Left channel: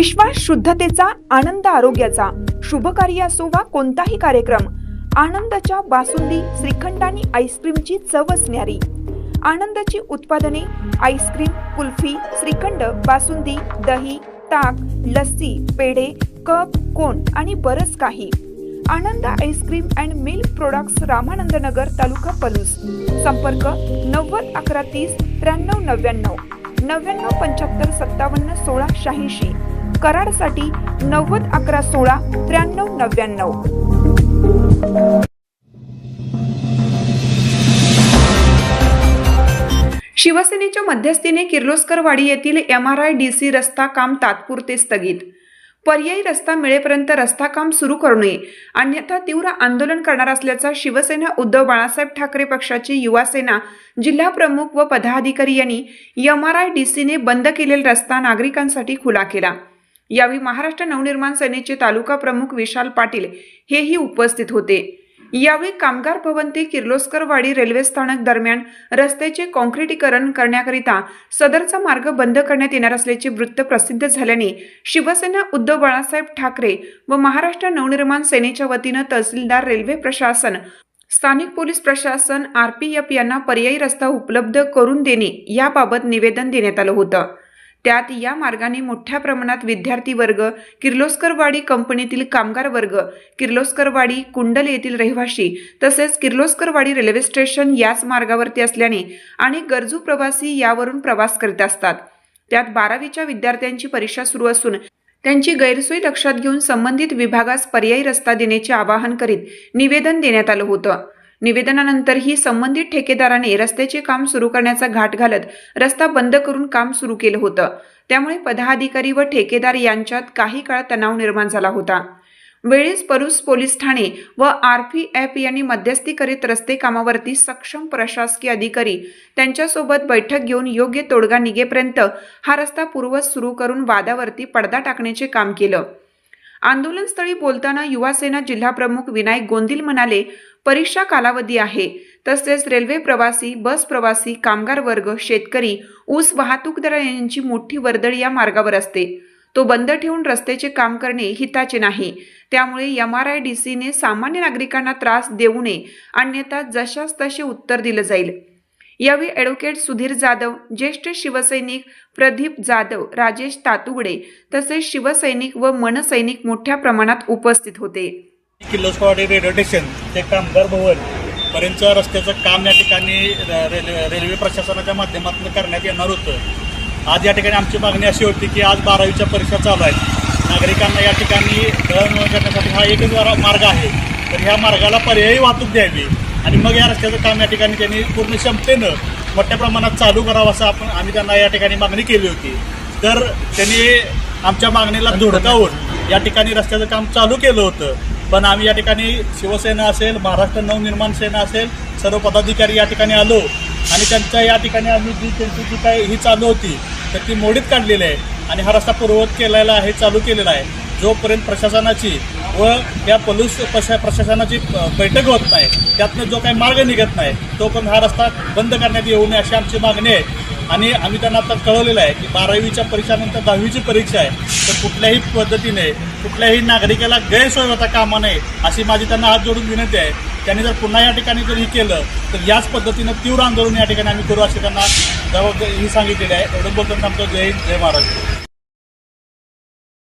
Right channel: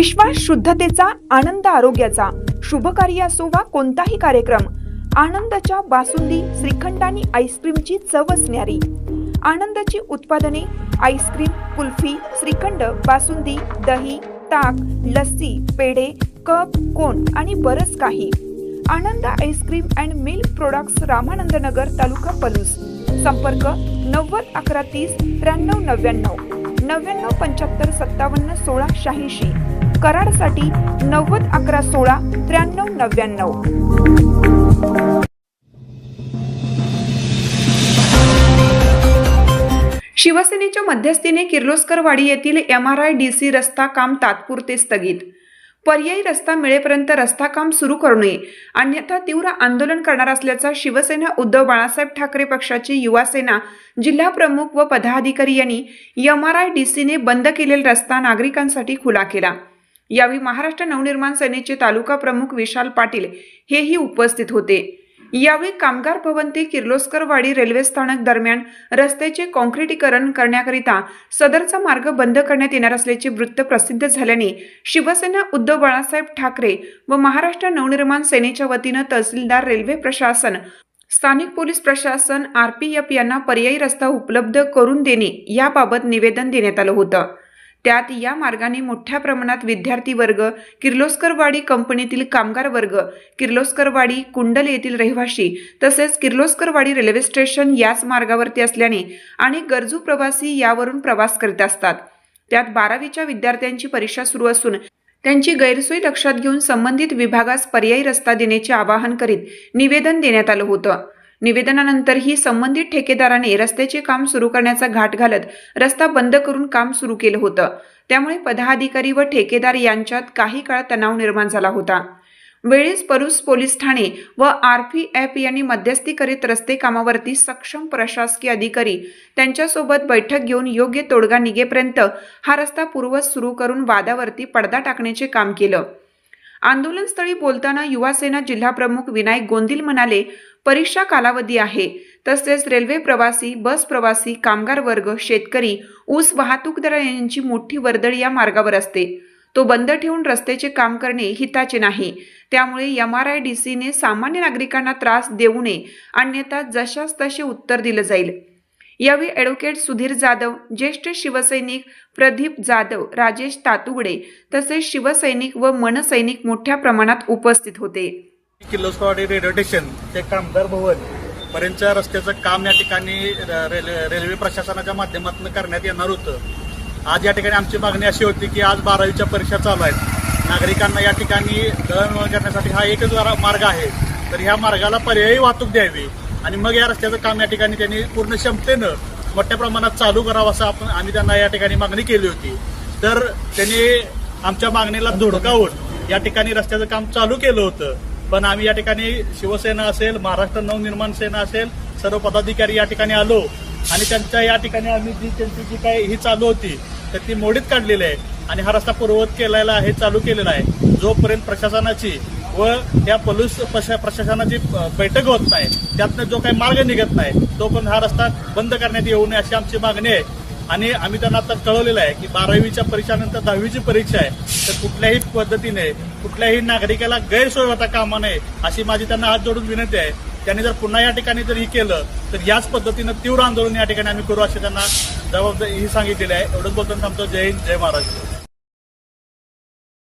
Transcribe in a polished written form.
विश्वास शुद्धतेचा, आनंद आरोग्याचा, शुभ कार्य असो वा कोणताही कार्यक्रम, आनंदाच्या बासुंदी, श्रीखंड आणि आईस्क्रीमची चव असणारी आनंदाची उत्पादने, आईस्क्रीम, कुल्फी, श्रीखंड, बासुंदी, दही, ताक, लस्सी, पेढे, कप, कोन आणि बरंच काही. Anand ice cream and milk products, Ramanand Nagar, taluka Palus. संपर्क 90 11 30 93 99 99 75 57 16 86. कराडसाठी 90 11 16 93 99. शिवसेनेच्या मध्यस्थीने किर्लोस्करवाडी येथील MRIDC रस्ता काम तात्पुरते स्थगित. पर्यायी रस्ता मिळेपर्यंत रस्ता काम सुरू करू नये, अन्यथा तीव्र आंदोलन करणार असल्याचा शिवसेना उद्धव बाळासाहेब ठाकरे पक्षाचे युवासेना जिल्हा प्रमुख व पदाधिकारी यांनी MRIDCने बंद केलेला रस्ता नागरिकांसाठी खुला केला. यावेळी महाराष्ट्र नवनिर्माण सेनेचे तालुका प्रमुख विशाल पाटील हेही उपस्थित होते. यावेळी कामगार भवन ते किर्लोस्करवाडी रेल्वे स्थानक दरम्यान रस्त्याचे काँक्रिटीकरण करण्याकरिता सदरचा मार्ग बंद करण्यात येणार असल्याचे वृत्त प्रसिद्ध झाल्याने शिवसेना उद्धव बाळासाहेब ठाकरे व महाराष्ट्र नवनिर्माण सेनेच्या वतीनं तहसीलदार, रेल्वे प्रशासन, स्थानिक पोलीस प्रशासन, RPF यांना पर्यायी रस्ता उपलब्ध करून देणे याबाबत निवेदन देण्यात आलं होतं. त्यात या मार्गाने मोठ्या प्रमाणात विद्यार्थी वर्ग, किर्लोस्करवाडी कंपनीतील कामगार वर्ग, किर्लोस्करवाडी, कुंडल येथील रहिवासी तसेच किर्लोस्करवाडी रेल्वे स्टेशन याच मार्गावरती असल्याने अनेक गरजू प्रवासी यावरून प्रवास करीत असतात. त्यात 12वीच्या विद्यार्थ्यांची परीक्षा सुरू असून त्यांची गैरसोय लक्षात घेऊन संबंधित विभागास पर्यायी रस्ता देण्याचे आवाहन करीत निवेदन देण्यात आलं होतं. निवेदनानंतरही संबंधित ठेकेदाराने रस्त्याचे काम सुरू करण्याचा घाट घालत रस्ता बंद करून काम सुरू केलं होतं. त्यामुळे पदाधिकारी व ठेकेदार यांच्यात काही काळ तणाव निर्माण झाला होता. वेळेस पलूस पोलीस ठाणे व RPF यांनी मध्यस्थी करीत रस्ते कामावरती सक्षम प्रशासकीय अधिकारी त्यांच्यासोबत बैठक घेऊन योग्य तोडगा निघेपर्यंत हा रस्ता पूर्ववत सुरू करून वादावरती पडदा टाकण्याचे काम केलं. आंदोलनस्थळी बोलताना युवासेना जिल्हा प्रमुख विनायक गोंदिल म्हणाले, परीक्षा कालावधी आहे. तसेच रेल्वे प्रवासी, बस प्रवासी, कामगार वर्ग, शेतकरी, ऊस वाहतूकदार यांची मोठी वर्दळ या मार्गावर असते. तो बंद ठेवून रस्त्याचे काम करणे हिताचे नाही. त्यामुळे MRIDCने सामान्य नागरिकांना त्रास देऊ नये, अन्यथा जशास तसे उत्तर दिलं जाईल. यावेळी ॲडव्होकेट सुधीर जाधव, ज्येष्ठ शिवसैनिक प्रदीप जाधव, राजेश तातुगडे तसेच शिवसैनिक व मनसैनिक मोठ्या प्रमाणात उपस्थित होते. किर्लोस्करवाडी रेल्वे स्टेशन ते कामगार भवन पर्यंतच्या रस्त्याचं काम या ठिकाणी रेल्वे प्रशासनाच्या माध्यमातून करण्यात येणार होतं. आज या ठिकाणी आमची मागणी अशी होती की आज 12वीच्या परीक्षा चालू आहेत. नागरिकांना या ठिकाणी दळणवळण करण्यासाठी हा एकच मार्ग आहे, तर ह्या मार्गाला पर्यायी वाहतूक द्यावी आणि मग या रस्त्याचं काम या ठिकाणी त्यांनी पूर्ण क्षमतेनं मोठ्या प्रमाणात चालू करावं असं आम्ही त्यांना या ठिकाणी मागणी केली होती. तर त्यांनी आमच्या मागणीला धुडकावून या ठिकाणी रस्त्याचं काम चालू केलं होतं. पण आम्ही या ठिकाणी शिवसेना असेल, महाराष्ट्र नवनिर्माण सेना असेल, सर्व पदाधिकारी या ठिकाणी आलो आणि त्यांच्या या ठिकाणी आम्ही त्यांची जी काही ही चालू होती तर ती मोडीत काढलेली आहे आणि हा रस्ता पूर्ववत केलेला आहे, चालू केलेला आहे. जोपर्यंत प्रशासनाची व या पोलीस प्रशासनाची बैठक होत नाही, त्यातनं जो काही मार्ग निघत नाही तोपर्यंत हा रस्ता बंद करण्यात येऊ नये अशी आमची मागणी आहे. आणि आम्ही त्यांना आता कळवलेलं आहे की 12वीच्या परीक्षानंतर 10वीची परीक्षा आहे, तर कुठल्याही पद्धतीने कुठल्याही नागरिकाला गैरसोय होता कामा नये अशी माझी त्यांना हात जोडून विनंती आहे. त्यांनी जर पुन्हा या ठिकाणी जर ही केलं तर याच पद्धतीनं तीव्र आंदोलन या ठिकाणी आम्ही करू अशी त्यांना जबाबदारी ही सांगितलेली आहे. बोलताना आमचं जय हिंद, जय महाराष्ट्र.